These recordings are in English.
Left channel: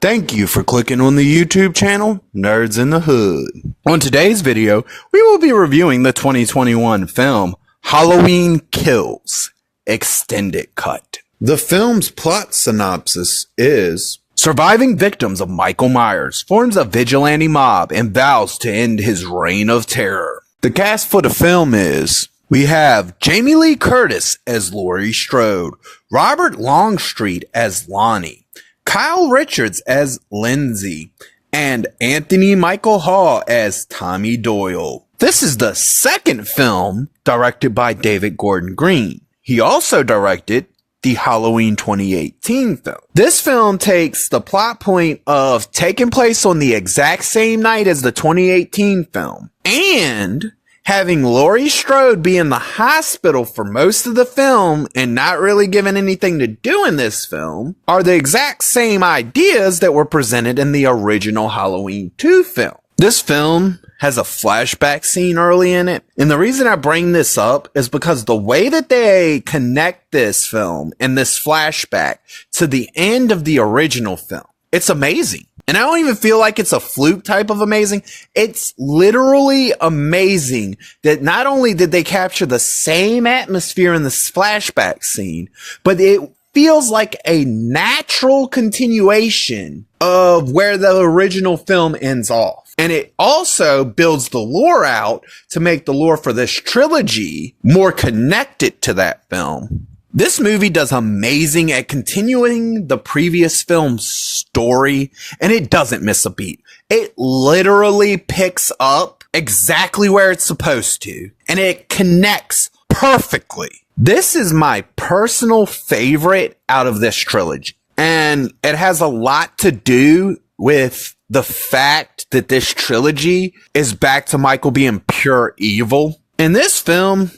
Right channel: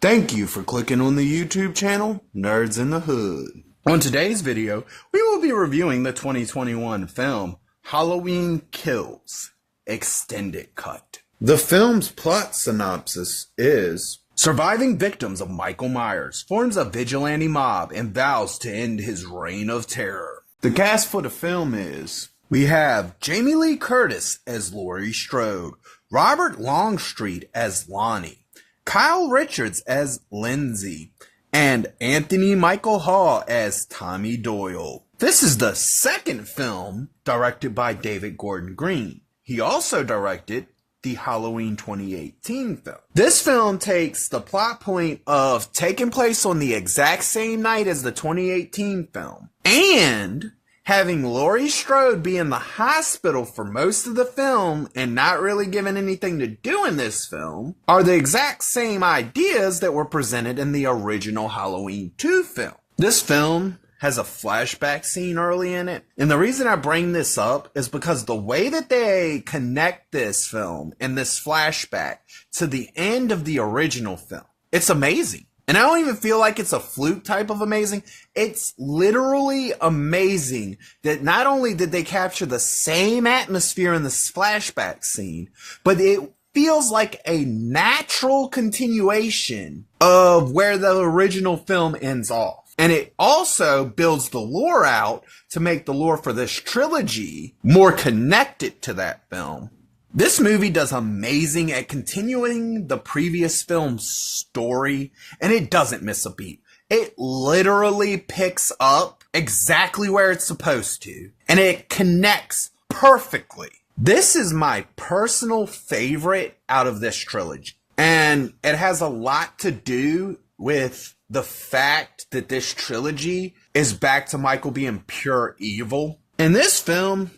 Thank you for clicking on the YouTube channel, Nerds in the Hood. On today's video, we will be reviewing the 2021 film, Halloween Kills, Extended Cut. The film's plot synopsis is: surviving victims of Michael Myers forms a vigilante mob and vows to end his reign of terror. The cast for the film is: we have Jamie Lee Curtis as Laurie Strode, Robert Longstreet as Lonnie, Kyle Richards as Lindsay, and Anthony Michael Hall as Tommy Doyle. This is the second film directed by David Gordon Green. He also directed the Halloween 2018 film. This film takes the plot point of taking place on the exact same night as the 2018 film and having Laurie Strode be in the hospital for most of the film and not really given anything to do in this film are the exact same ideas that were presented in the original Halloween 2 film. This film has a flashback scene early in it, and the reason I bring this up is because the way that they connect this film and this flashback to the end of the original film, it's amazing. And I don't even feel like it's a fluke type of amazing. It's literally amazing that not only did they capture the same atmosphere in this flashback scene, but it feels like a natural continuation of where the original film ends off. And it also builds the lore out to make the lore for this trilogy more connected to that film. This movie does amazing at continuing the previous film's story, and it doesn't miss a beat. It literally picks up exactly where it's supposed to, and it connects perfectly. This is my personal favorite out of this trilogy, and it has a lot to do with the fact that this trilogy is back to Michael being pure evil. In this film,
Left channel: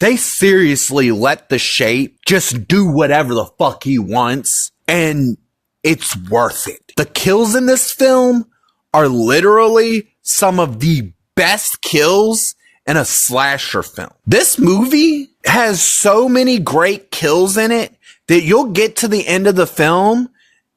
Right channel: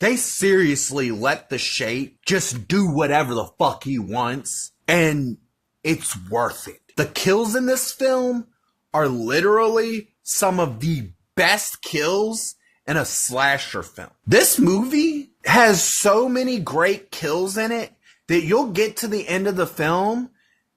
they seriously let the Shape just do whatever the fuck he wants, and it's worth it. The kills in this film are literally some of the best kills in a slasher film. This movie has so many great kills in it that you'll get to the end of the film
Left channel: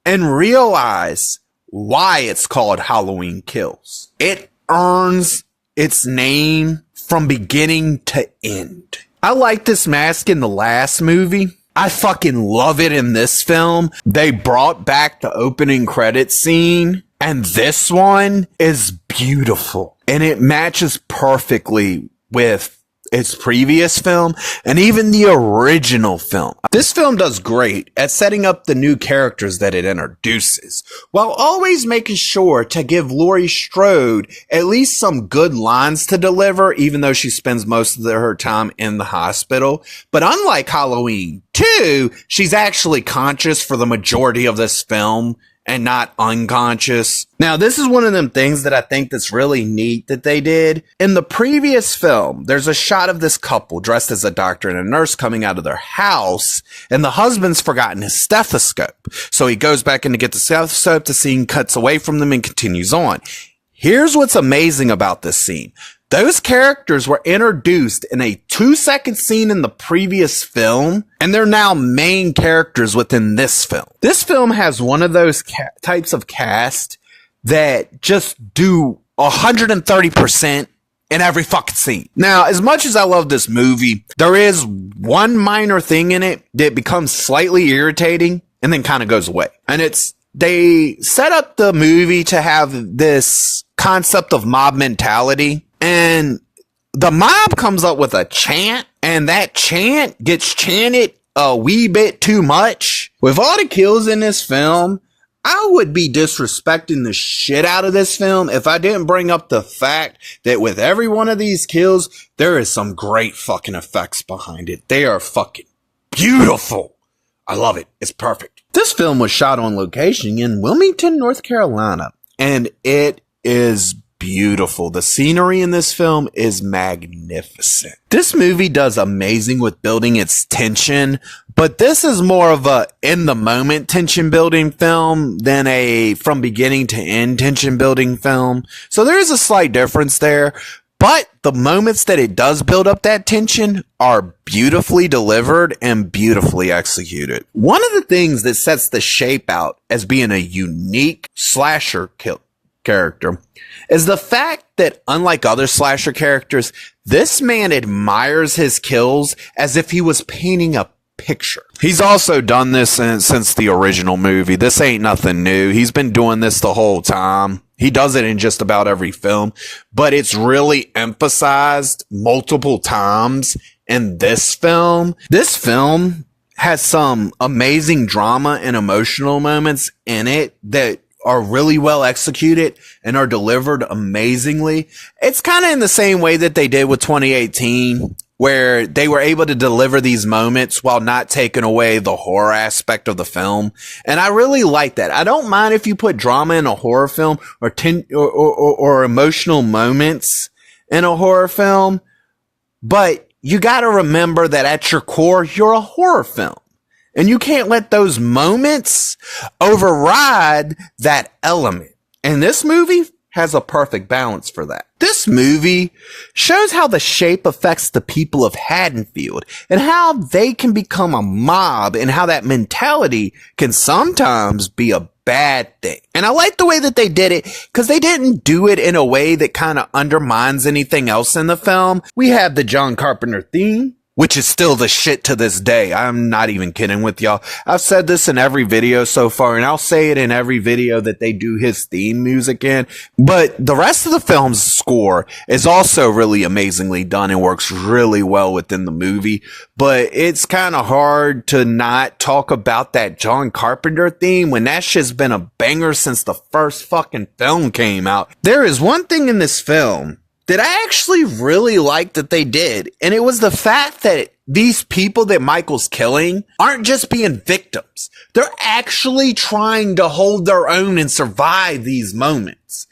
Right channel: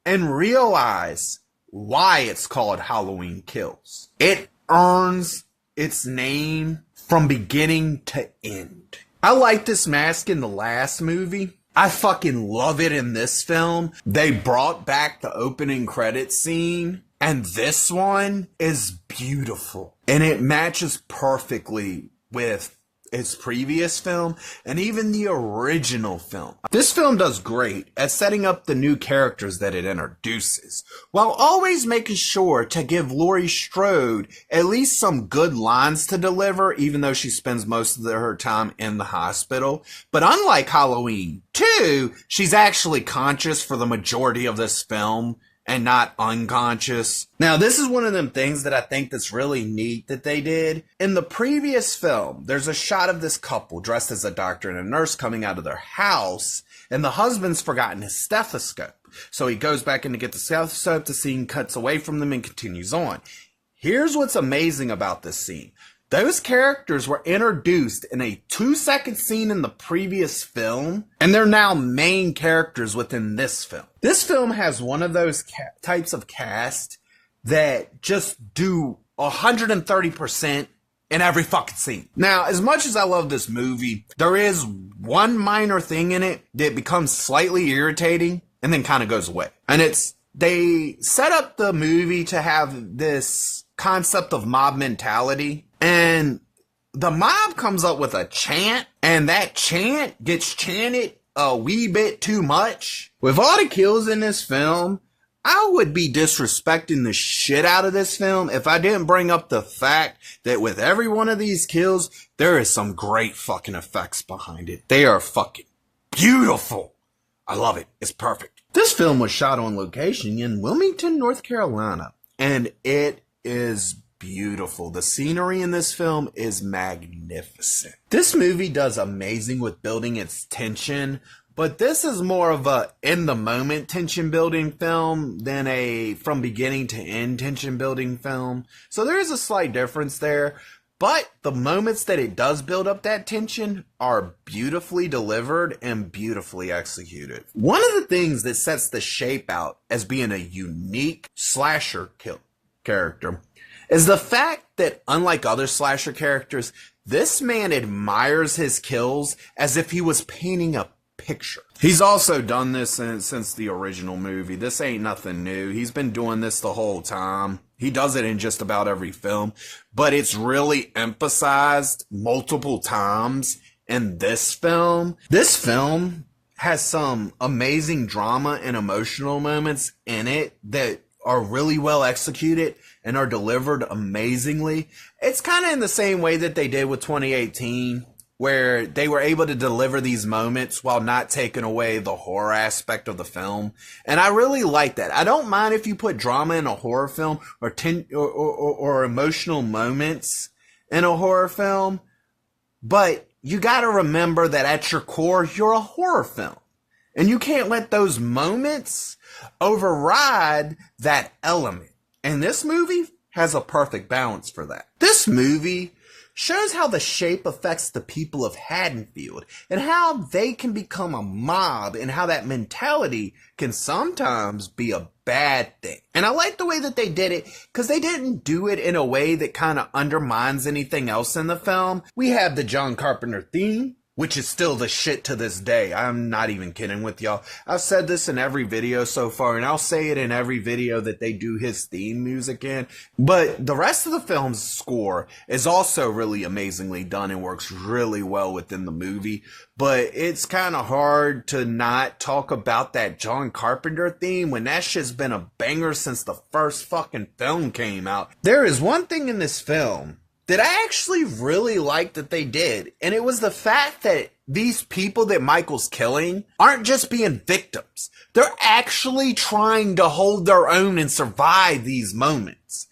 and realize why it's called Halloween Kills. It earns its name from beginning to end. I like this mask in the last movie. I fucking love it in this film. They brought back the opening credits scene, and this one is beautiful. And it matches perfectly with its previous film and even the original film. This film does great at setting up the new characters that it introduces, while always making sure to give Laurie Strode at least some good lines to deliver, even though she spends most of her time in the hospital. But unlike Halloween 2, she's actually conscious for the majority of this film and not unconscious. Now, this is one of them things that I think that's really neat that they did. In the previous film, there's a shot of this couple dressed as a doctor and a nurse coming out of their house, and the husband's forgotten his stethoscope. So he goes back in to get the stethoscope, the scene cuts away from them and continues on. Here's what's amazing about this scene. Those characters were introduced in a 2-second scene in the previous film, and they're now main characters within this film. This film has one of those types of cast that just do 130% in every fucking scene. Now, as much as I love this movie, there is one minor thing in it that becomes slightly irritating and then kind of goes away. And it's, they set up the movie to have this concept of mob mentality, and the mob comes up with a chant, and that chant gets chanted a wee bit too much. With all the kills in this film, I would be disrespecting the shit out of this film if I didn't bring up the fact that with every one of these kills, there is some great fucking effects behind it. They are fucking beautiful. I love it. It's perfect. This film was shot on location in Wilmington, North Carolina, and it is beautiful. The scenery in this film is magnificent. This movie does amazing with building its tension, but this is more of a in the moment tension building film than a from beginning to end tension building film. So there is a slight difference there, But the moments that it does build up that tension are beautifully delivered and beautifully executed. One of the things that sets the Shape out as being a unique slasher character is the fact that, unlike other slasher characters, this man admires his kills as if he was painting a picture. He's also done this since the original movie. This ain't nothing new. He's been doing this the whole time. He does it in just about every film, but it's really emphasized multiple times in this film. This film has some amazing drama and emotional moments in it that are really well executed and are delivered amazingly. It's kind of in the same way that they did with 2018, where they were able to deliver these moments while not taking away the horror aspect of the film. And I really like that. I don't mind if you put drama in a horror film or emotional moments in a horror film, but you got to remember that at your core, you're a horror film. And you can't let those moments override that element. And this movie has a perfect balance for that. This movie shows how the Shape affects the people of Haddonfield and how they can become a mob and how that mentality can sometimes be a bad thing. And I like the way that they did it because they didn't do it in a way that kind of undermines anything else in the film. We have the John Carpenter theme, which is still the shit to this day. I'm not even kidding with y'all. I've said this in every video so far, and I'll say it in every video that they do his theme music in. But the rest of the film's score is also really amazingly done and works really well within the movie. But it's kind of hard to not talk about that John Carpenter theme when that shit's been a banger since the first fucking film came out. There is one thing in this film that I actually really liked that they did. And it was the fact that these people that Michael's killing aren't just being victims. They're actually trying to hold their own and survive these moments.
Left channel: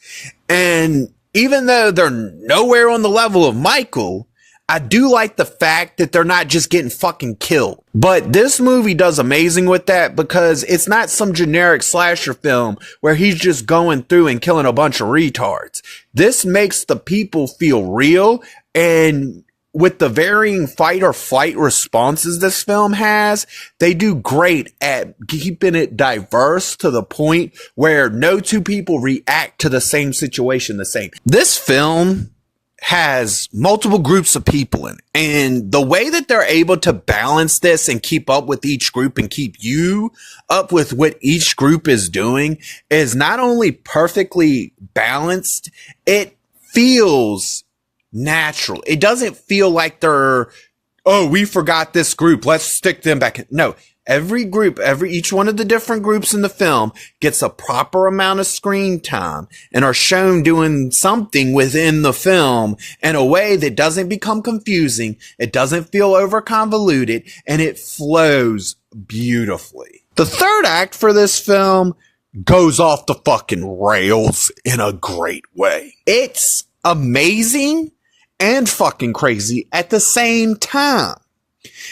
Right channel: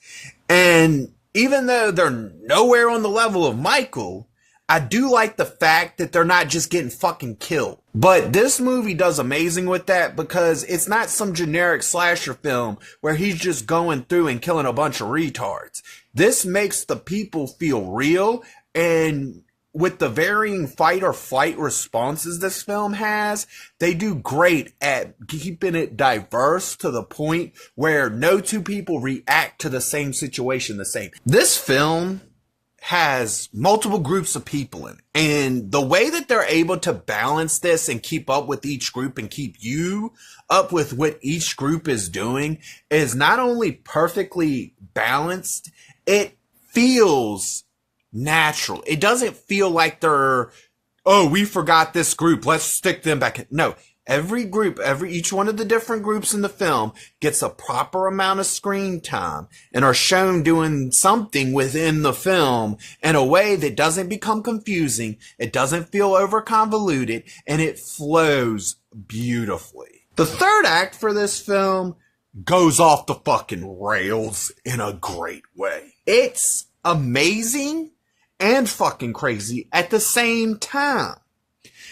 And even though they're nowhere on the level of Michael, I do like the fact that they're not just getting fucking killed. But this movie does amazing with that because it's not some generic slasher film where he's just going through and killing a bunch of retards. This makes the people feel real, and with the varying fight or flight responses this film has, they do great at keeping it diverse to the point where no two people react to the same situation the same. This film has multiple groups of people in it. And the way that they're able to balance this and keep up with each group and keep you up with what each group is doing is not only perfectly balanced, it feels natural. It doesn't feel like they're, oh, we forgot this group, let's stick them back in. No. Every group, each one of the different groups in the film gets a proper amount of screen time and are shown doing something within the film in a way that doesn't become confusing. It doesn't feel over convoluted, and it flows beautifully. The third act for this film goes off the fucking rails in a great way. It's amazing and fucking crazy at the same time.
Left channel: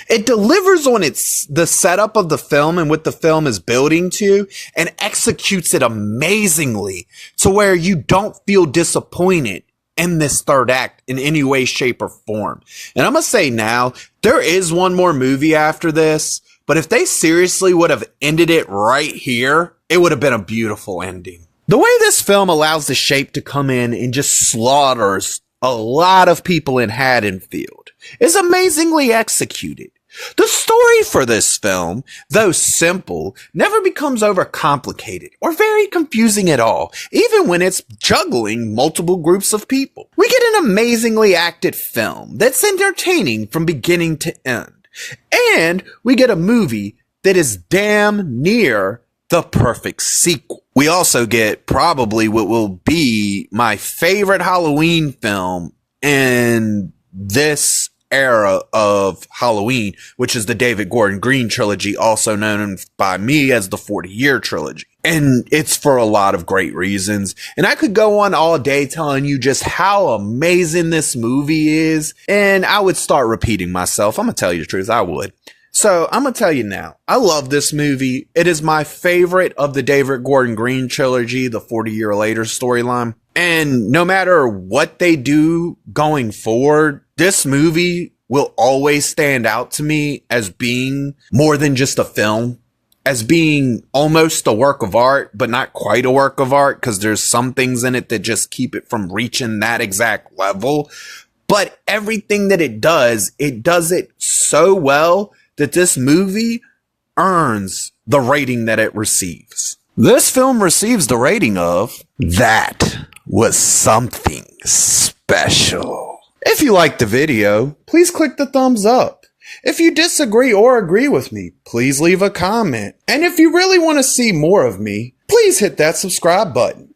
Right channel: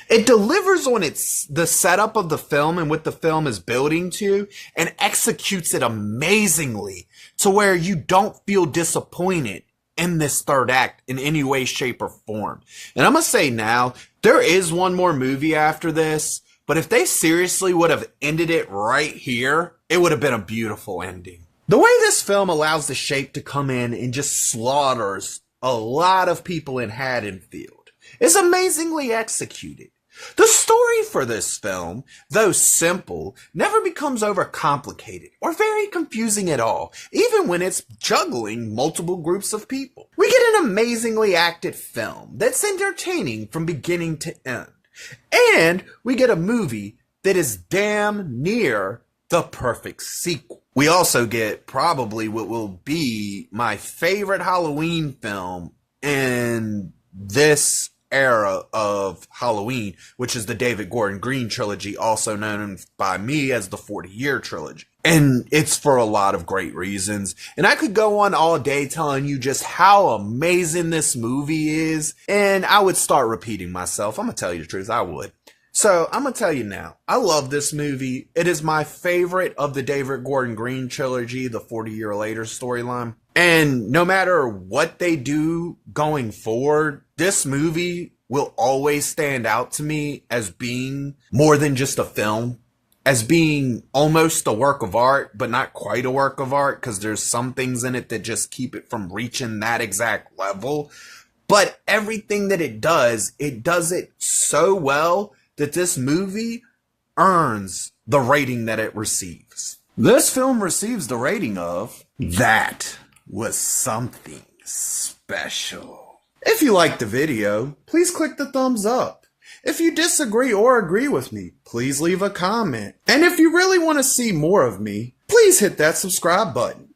It delivers on the setup of the film and what the film is building to, and executes it amazingly to where you don't feel disappointed in this third act in any way, shape, or form. And I'm going to say now, there is one more movie after this, but if they seriously would have ended it right here, it would have been a beautiful ending. The way this film allows the Shape to come in and just slaughters a lot of people in Haddonfield is amazingly executed. The story for this film, though simple, never becomes overcomplicated or very confusing at all, even when it's juggling multiple groups of people. We get an amazingly acted film that's entertaining from beginning to end. And we get a movie that is damn near the perfect sequel. We also get probably what will be my favorite Halloween film in this era of Halloween, which is the David Gordon Green trilogy, also known by me as the 40-year trilogy. And it's for a lot of great reasons. And I could go on all day telling you just how amazing this movie is. And I would start repeating myself. I'm going to tell you the truth. I would. So I'm going to tell you now, I love this movie. It is my favorite of the David Gordon Green trilogy, the 40 Year Later storyline. And no matter what they do going forward, this movie will always stand out to me as being more than just a film, as being almost a work of art, but not quite a work of art, because there's some things in it that just keep it from reaching that exact level. But everything that it does it so well that this movie earns the rating that it receives. This film receives the rating of "That was something special." If you liked the video, please click the thumbs up. If you disagree or agree with me, please leave a comment. And if you really want to see more of me, please hit that subscribe button.